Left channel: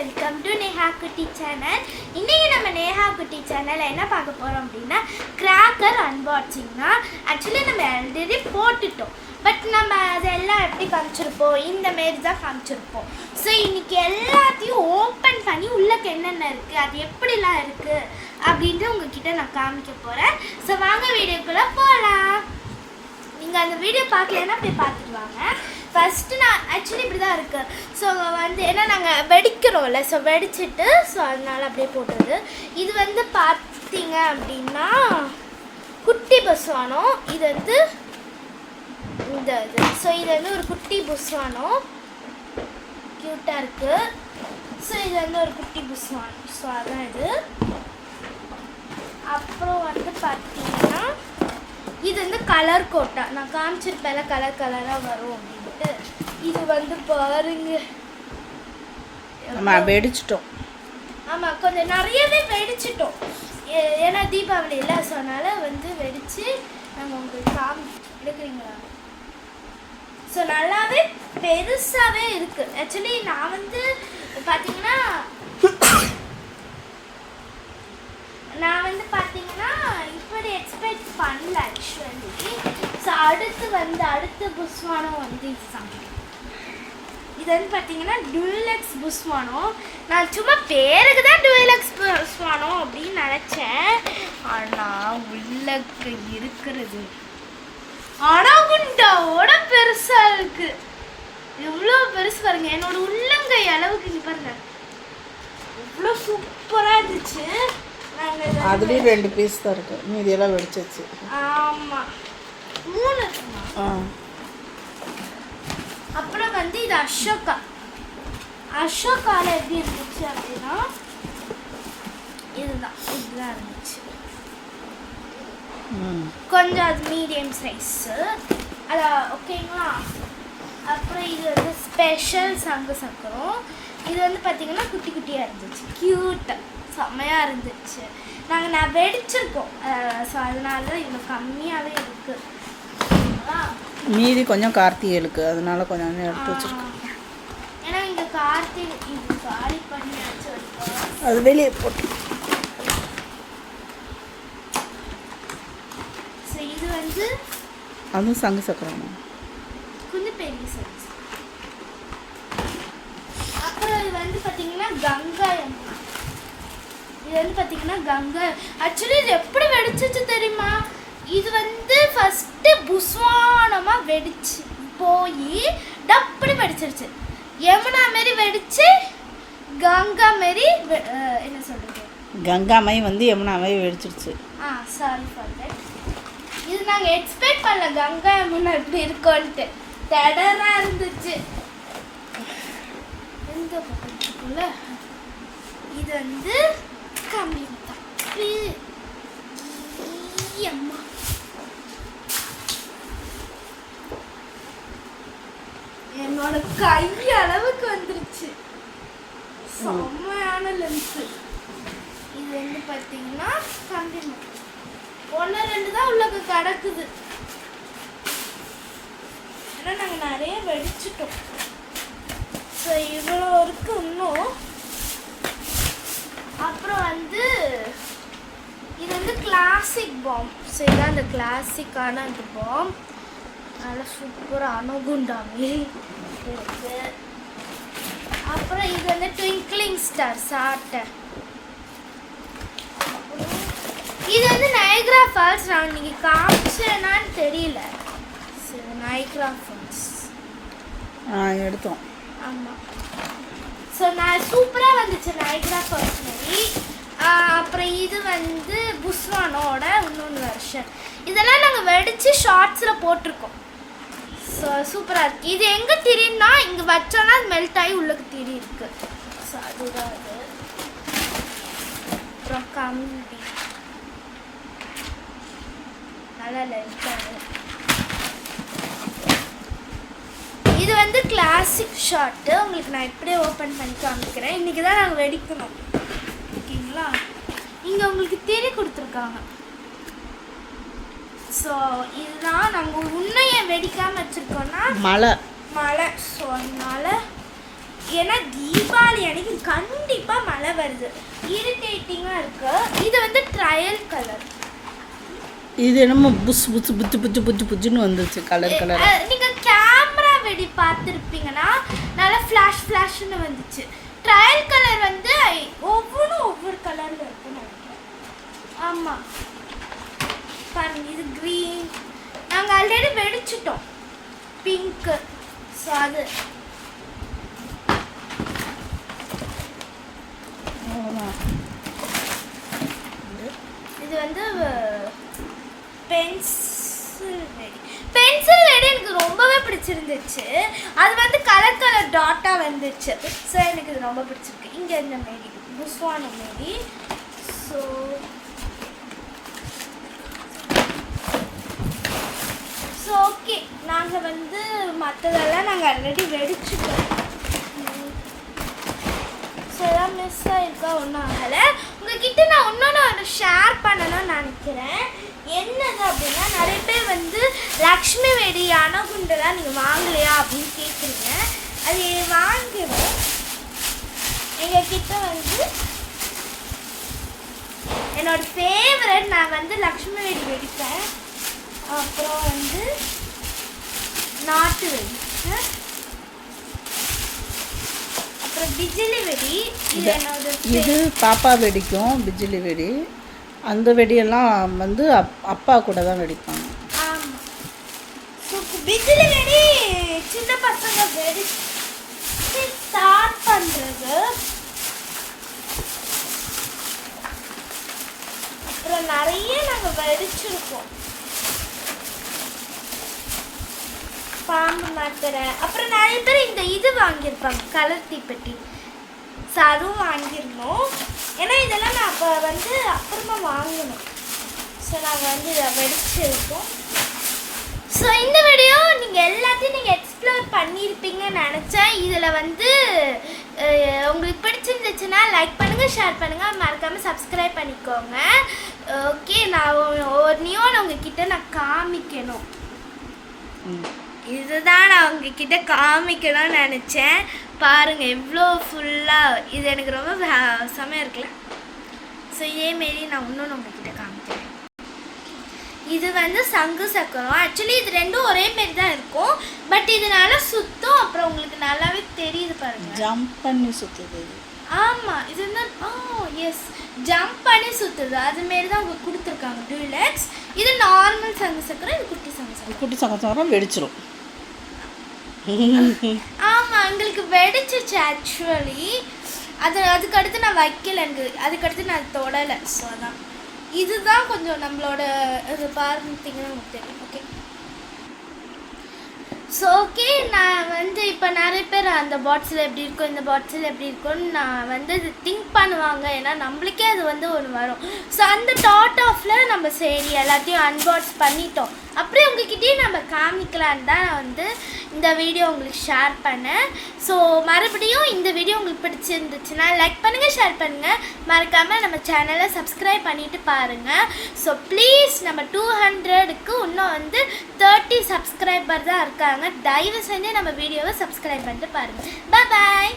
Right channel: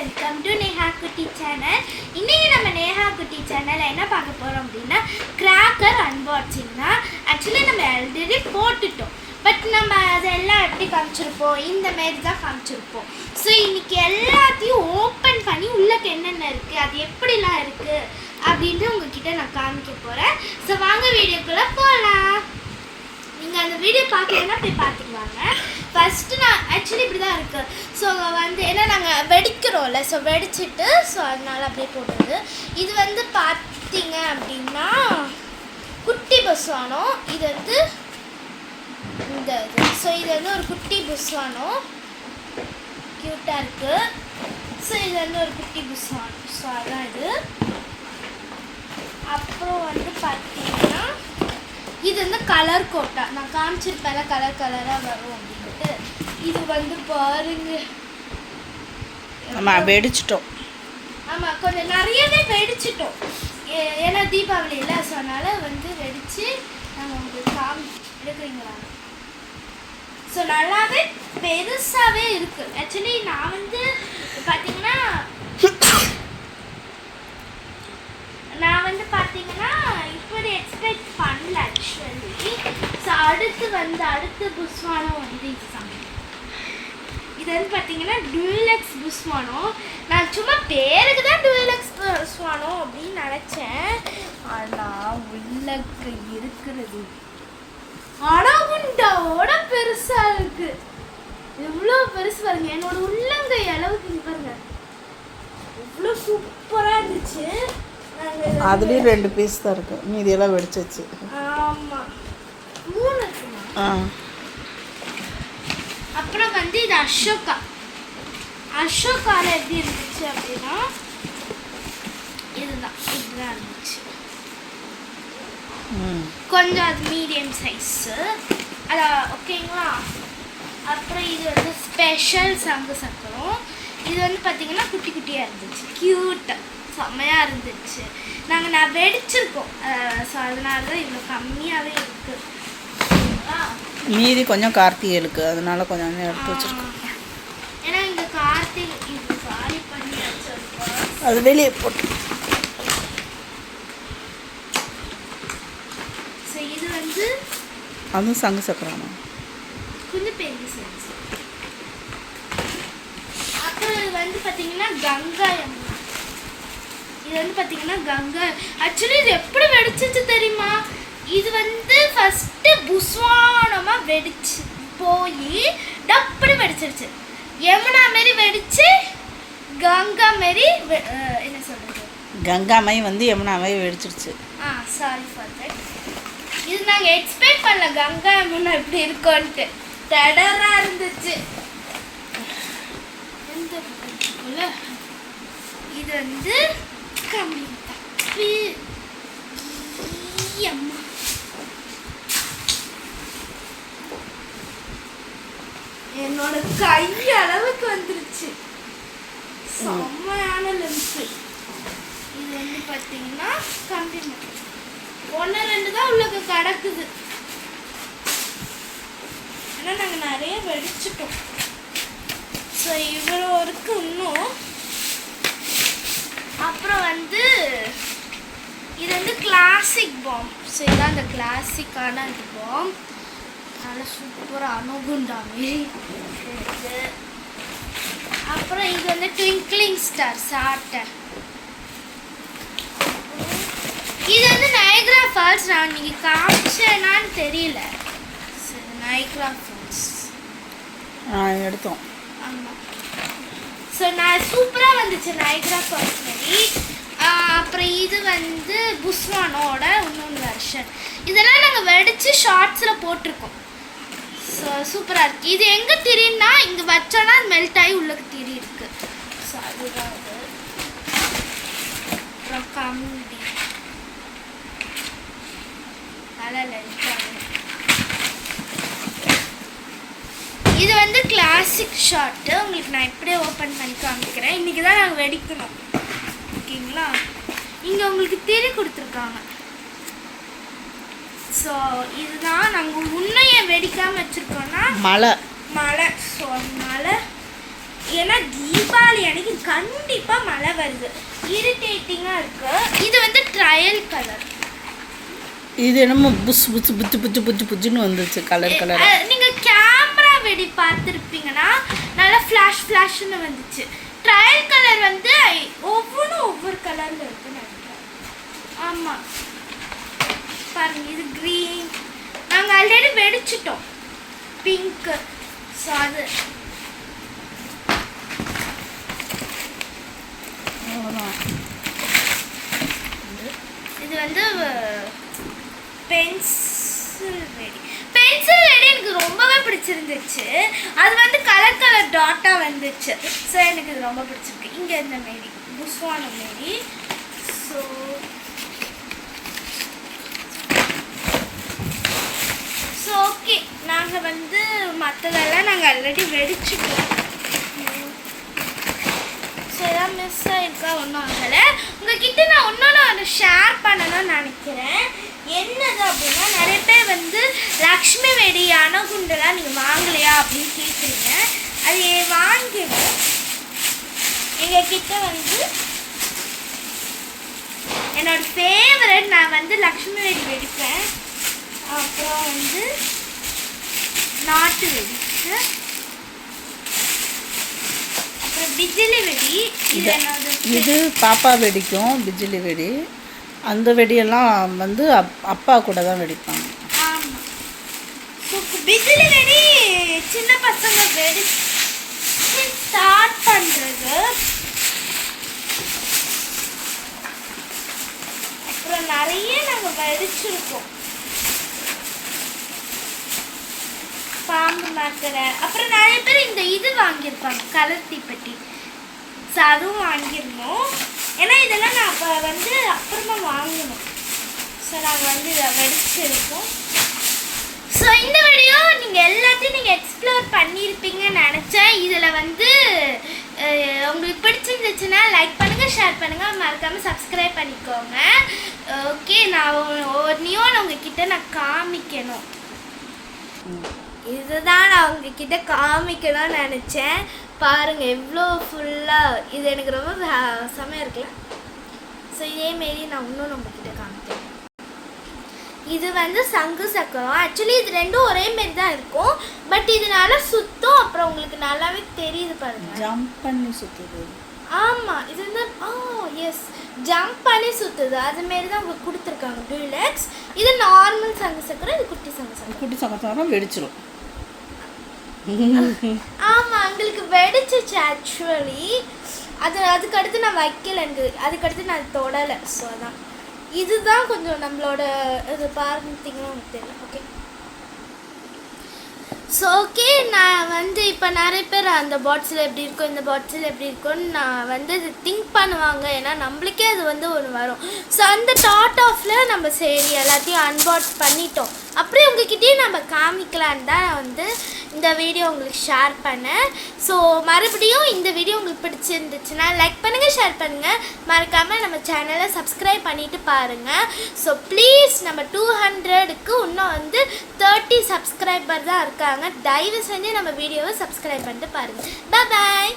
Welcome to Neha குட்டி channel. இன்றைக்கி நம்ம நேஹா குட்டி சேனல் என்ன பார்க்க போகிறோம் அப்படின்னா கிராக்கர் அன்பாக்சிங் தான். ஆக்சுவலி நம்ம ஆல்ரெடி போட்டுட்டோம், பட் நம்ம அதெல்லாம் எப்படி காமிச்சிருப்போம், இந்த மாரி தான் காமிச்சிருப்போம். ஸோ இன்றைக்கி எல்லாத்தையும் ஓப்பன் பண்ணி உள்ளக்கு என்னென்ன இருக்குது, அது எப்படிலாம் இருக்குது அப்படின்ட்டு உங்ககிட்ட நான் காமிக்க போகிறேன். ஸோ வாங்க வீடியோக்குள்ளே போகலாம். நீங்கள் அந்த வீடியோ பார்க்கலன்னா போய் பார்த்துக்குவாங்க. ஃபஸ்ட்டு நான் ஆக்சுவலி இப்படி தான் இருக்குது. ஸோ வந்து ஏன்னா நாங்கள் வெடிக்கிறோம்ல, ஸோ வெடிச்சிட்டு ஸோ அதனால் அப்படியே போட்டது. இது வந்து பார்த்தீங்க அப்படின்னா குட்டி புஸ்வானோ. இது வந்து இந்த இது ஸோ இது வந்து ஒரு குட்டி புஸ்வானோ, க்யூட்டாக இருக்குது. ஸோ இது வந்து ஒரு குட்டி புஸ்வானோ. ஸோ அதான் இது. அப்புறம் வந்து பார்த்தீங்கன்னா இது வந்து கலர் கோட்டா. நான் காமிச்சிருப்பேன் கலர் கலராக வரும் அப்படின்ட்டு. இது வந்து பாருங்க, ஆமாம் வெடிச்சிட்டோம். ஆமாம் கொஞ்சம் நிறையவே வெடிச்சிட்டோம். ஏன்னா தீபாவளி இல்லை, ஸோ அதனால் வந்து வெடித்து நாங்கள் உங்களுக்கு எடுக்கிறீங்களா. ஸோ நல்லாவே பெருசாகவே இருக்குது. ஆக்சுவலி நான் வந்து பார்த்தீங்கன்னா இப்படி எக்ஸ்பெக்ட் பண்ணல ஆக்சுவலி. ஸோ அடுத்து புஸ்வானம் வந்து இதுதான். இது வந்து பார்த்தீங்கன்னா டூயலக்ஸ் புஸ்வானம். நான் சும்மா பேருக்கு தான் டூயலக்ஸ் புஸ்வானம் அப்படின்னு நினச்சேன். ஆனால் உள்ளக்கு இருக்கிறது அணகுண்டாவோட பெருசாக இருக்குது. எவ்வளோ பெருசு பாருங்க, என்னோட உள்ளங்கை அளவுக்கு இங்கே பாருங்க, எவ்வளோ சூப்பராக இருந்துச்சு. அதுலேயும் 2 பீஸ் தான் இருக்குது, மீதியெல்லாம் வெடிச்சிச்சு. ஆமாம் 3 இருக்குமா. அப்புறம் வந்து இது அசோகாவில் எப்படி இருந்துச்சு அப்படின்னா இதுதான் இருந்துச்சு. கொஞ்சம் அது மீடியம் சைஸு அதான் ஓகேங்களா. அப்புறம் இது வந்து ஸ்பெஷல் சங்கு சக்கரம். இது வந்து பார்த்தீங்கன்னா குட்டி குட்டியாக இருந்துச்சு, க்யூட்டாக செம்மையாக இருந்துச்சு. நான் வெடிச்சிருக்கோம், ஸோ அதனால தான் இவ்வளோ கம்மியாகவே இருக்குது. மீதி கொஞ்சம் கார்த்திகைக்கு, அதனால கொஞ்சம் எடுத்து வச்சுருக்கோம். ஏன்னா இந்த கார்த்திகை இது காலி பண்ணி வச்சுருக்கோம், அது வெளியே போட்டு. ஸோ இது வந்து அதுவும் சங்கு சக்கரம் கொஞ்சம் பெரிய சைஸ். அப்புறம் இது வந்து பார்த்தீங்கன்னா கங்கா யமுனா. இது வந்து பார்த்தீங்கன்னா கங்கா. ஆக்சுவலி இது எப்படி வெடிச்சிச்சு தெரியுமா. இது வந்து ஃபஸ்ட்டு புஸ்வானமாக வெடிச்சு போய் டப்புனு வெடிச்சிருச்சு. யமுனா மாரி வெடிச்சு கங்கா மாரி என்ன சொல்கிறது, கங்காமை வந்து யமுனாமை வெடிச்சிருச்சு. Sorry for that. இது நாங்கள் எக்ஸ்பெக்ட் பண்ணல கங்கா யமுனா இப்படி இருக்கோன்ட்டு. டடராக இருந்துச்சு. இந்த பக்கத்துக்குள்ள இது வந்து கம்மி அம்மா. என்னோட கை அளவுக்கு வந்துருச்சு, செம்மையான லென்ஸு. இது வந்து பார்த்தீங்கன்னா கம்மி 1-2 தான் உள்ளக்கு கிடக்குது. ஏன்னா நாங்கள் நிறைய வெடிச்சிட்டோம். ஸோ இவ்வளோ இருக்கு இன்னும். அப்புறம் வந்து இது வந்து கிளாசிக் பாம். ஸோ இதான் அந்த கிளாசிக்கான அந்த பாம். நல்லா சூப்பராக அணுகுண்டாமே இருக்குது. அப்புறம் இது வந்து ட்விங்க்லிங் ஸ்டார் சாட்டை. இது வந்து நயக்ரா ஃபால்ஸ். நான் நீங்கள் காமிச்சேனான்னு தெரியல. நயக்ரா ஃபால்ஸ் எடுத்தோம். ஆமாம். ஸோ நான் சூப்பராக வந்துச்சு நயக்ரா ஃபால்ஸ் மாதிரி. அப்புறம் இது வந்து புஸ்வானோட இன்னொன்று வெர்ஷன். இதெல்லாம் நாங்கள் வெடித்து ஷார்ட்ஸில் போட்டிருக்கோம். ஸோ சூப்பராக இருக்குது. இது எங்கே திரின்னா இங்கே வச்சோன்னா அது மெல்ட் ஆகி உள்ளக்கு திரி இருக்குது. ஸோ அதுதான் அது. அப்புறம் கம்பி நல்லா லென்த்தாக. இது வந்து கிளாசிக் ஷார்ட்டு. உங்களுக்கு நான் இப்படியே ஓப்பன் பண்ணி காமிக்கிறேன். இன்றைக்கி தான் நாங்கள் வெடிக்கணும், ஓகேங்களா. இங்கே உங்களுக்கு திரி கொடுத்துருக்காங்க. ஸோ இதுதான் நாங்கள் உன்னையை வெடிக்காமல் வச்சுருக்கோன்னா மழை. ஸோ அதனால ஏன்னா தீபாவளி அன்னைக்கு கண்டிப்பாக மழை வருது, இரிட்டேட்டிங்காக இருக்கு. இது வந்து ட்ரையல் கலர். இது என்னமோ புஸ் புஸ் புச்சு புச்சு புச்சு புச்சுன்னு வந்துச்சு கலர் கலர். நீங்கள் கேமரா வெடி பார்த்துருப்பீங்கன்னா நல்லா ஃப்ளாஷ் ஃப்ளாஷ்னு வந்துச்சு. ட்ரையல் கலர் வந்து ஒவ்வொன்றும் ஒவ்வொரு கலரில் இருக்குன்னு நினைக்கிறேன். ஆமாம் பாருங்க, இது க்ரீன். நாங்கள் ஆல்ரெடி வெடிச்சிட்டோம் பிங்க்கு. ஸோ அது இது வந்து பென்சில் வெடி. பென்சில் வெடி எனக்கு ரொம்பவே பிடிச்சிருந்துச்சு. அது வந்து கலர் கலர் டாட்டாக வந்துச்சு. ஸோ எனக்கு இது ரொம்ப பிடிச்சிருக்கு. இங்கே இந்த மேடி புஸ்வான மேடி. ஸோ ஓகே, நாங்கள் வந்து மற்றதெல்லாம் நாங்கள் ஆல்ரெடி வெடிச்சுட்டோம். ஸோ எதாவது மிஸ் ஆகிருக்கா ஒன்றும் ஆகலை. உங்ககிட்ட நான் இன்னொன்று ஷேர் பண்ணணும்னு நினைக்கிறேன். என்னது அப்படின்னா, நிறைய பேர் வந்து லக்ஷ்மி வெடி அணுகுண்டெல்லாம் நீங்கள் வாங்கலையா அப்படின்னு கேட்குறீங்க. அது வாங்கினேன். எங்ககிட்ட வந்து என்னோட ஃபேவரட், நான் வந்து லக்ஷ்மி வெடி வெடிப்பேன். அப்புறம் வந்து நாட்டு வெடி, அப்புறம் பிஜிலி வெடி. இது பாப்பா வெடிக்கும் பிஜிலி வெடி. அந்த வெடியெல்லாம் வந்து அப்பா கூட தான் வெடிப்பாங்க. ஆமாம். ஸோ பிஜிலி வெடி சின்ன பசங்க வெடி ஸ்டார்ட் பண்ணுறது. அப்புறம் நிறைய நாங்கள் வெடிச்சிருக்கோம். பாம்பு மாத்திரை. அப்புறம் நிறைய பேர் இந்த இது வாங்கியிருப்பாங்க, கலர் தீப்பெட்டி. ஸோ அதுவும் வாங்கியிருந்தோம். ஏன்னா இதெல்லாம் நான் அப்போ வந்து அப்புறமா வாங்கணும். ஸோ நாங்கள் வந்து இதை வெடிச்சிருக்கோம். ஸோ இந்த வீடியோ நீங்கள் எல்லாத்தையும் நீங்கள் எக்ஸ்ப்ளோர் பண்ணியிருப்பீங்கன்னு நினச்சேன். இதில் வந்து உங்களுக்கு பிடிச்சிருந்துச்சுன்னா லைக் பண்ணுங்கள், ஷேர் பண்ணுங்கள், மறக்காமல் சப்ஸ்கிரைப் பண்ணிக்கோங்க. ஓகே, நான் ஒவ்வொன்றையும் உங்ககிட்ட நான் காமிக்கணும். இதுதான் நான் உங்ககிட்ட காமிக்கணும்னு நினச்சேன். பாருங்கள் எவ்வளோ ஃபுல்லாக. இது எனக்கு ரொம்ப செமையாக இருக்குல்ல. ஸோ இதேமாரி நான் இன்னொன்று உங்ககிட்ட காமிக்கிறேன். இது வந்து சங்கு சக்கரம். ஆக்சுவலி இது ரெண்டும் ஒரே மாரி தான் இருக்கும். பட் இதனால சுத்தம். அப்புறம் உங்களுக்கு நல்லாவே தெரியுது பாருங்கள், ஜம்ப் பண்ணி சுற்றுது. ஆமாம், இது வந்து எஸ் ஜம்ப் பண்ணி சுற்றுது. அதுமாரி தான் உங்களுக்கு கொடுத்துருக்காங்க டூலக்ஸ். இது நார்மல் சங்கு சக்கரம், இது குட்டி சங்கு சக்கரம். குட்டி சங்கு சக்கரம் வெடிச்சிரும். ஆமாம், எங்களுக்கு வெடிச்சிச்சு ஆக்சுவலி. அதுக்கடுத்து நான் வைக்கல, எனக்கு அதுக்கடுத்து நான் தொடலை. ஸோ அதான் இதுதான் கொஞ்சம் நம்மளோட இது பார்த்தீங்கன்னா உங்களுக்கு தெரியும். ஓகே, ஸோ ஓகே, நான் வந்து இப்போ நிறைய பேர் அந்த பாட்ஸில் எப்படி இருக்கும், இந்த பாட்ஸில் எப்படி இருக்கும்னு நான் வந்து இது திங்க் பண்ணுவாங்க. ஏன்னா நம்மளுக்கே அது வந்து ஒன்று வரும். ஸோ அந்த தாட் ஆஃபில் நம்ம சரி எல்லாத்தையும் அன்பாக்ஸ் பண்ணிட்டோம். அப்படியே உங்ககிட்டயும் நம்ம காமிக்கலான்னு தான் வந்து இந்த வீடியோ உங்களுக்கு ஷேர் பண்ணேன். ஸோ மறுபடியும் இந்த வீடியோ உங்களுக்கு பிடிச்சிருந்துச்சுன்னா லைக் பண்ணுங்கள், ஷேர் பண்ணுங்கள், மறக்காமல் நம்ம சேனலை சப்ஸ்கிரைப் பண்ணிவிட்டு பாருங்கள். ஸோ ப்ளீஸ், நம்ம 200க்கு இன்னும் வந்து 30 சப்ஸ்கிரைபர் தான் இருக்காங்க. தயவு செஞ்சு நம்ம வீடியோவை சப்ஸ்கிரைப் பண்ணிட்டு பாருங்கள். பாய்.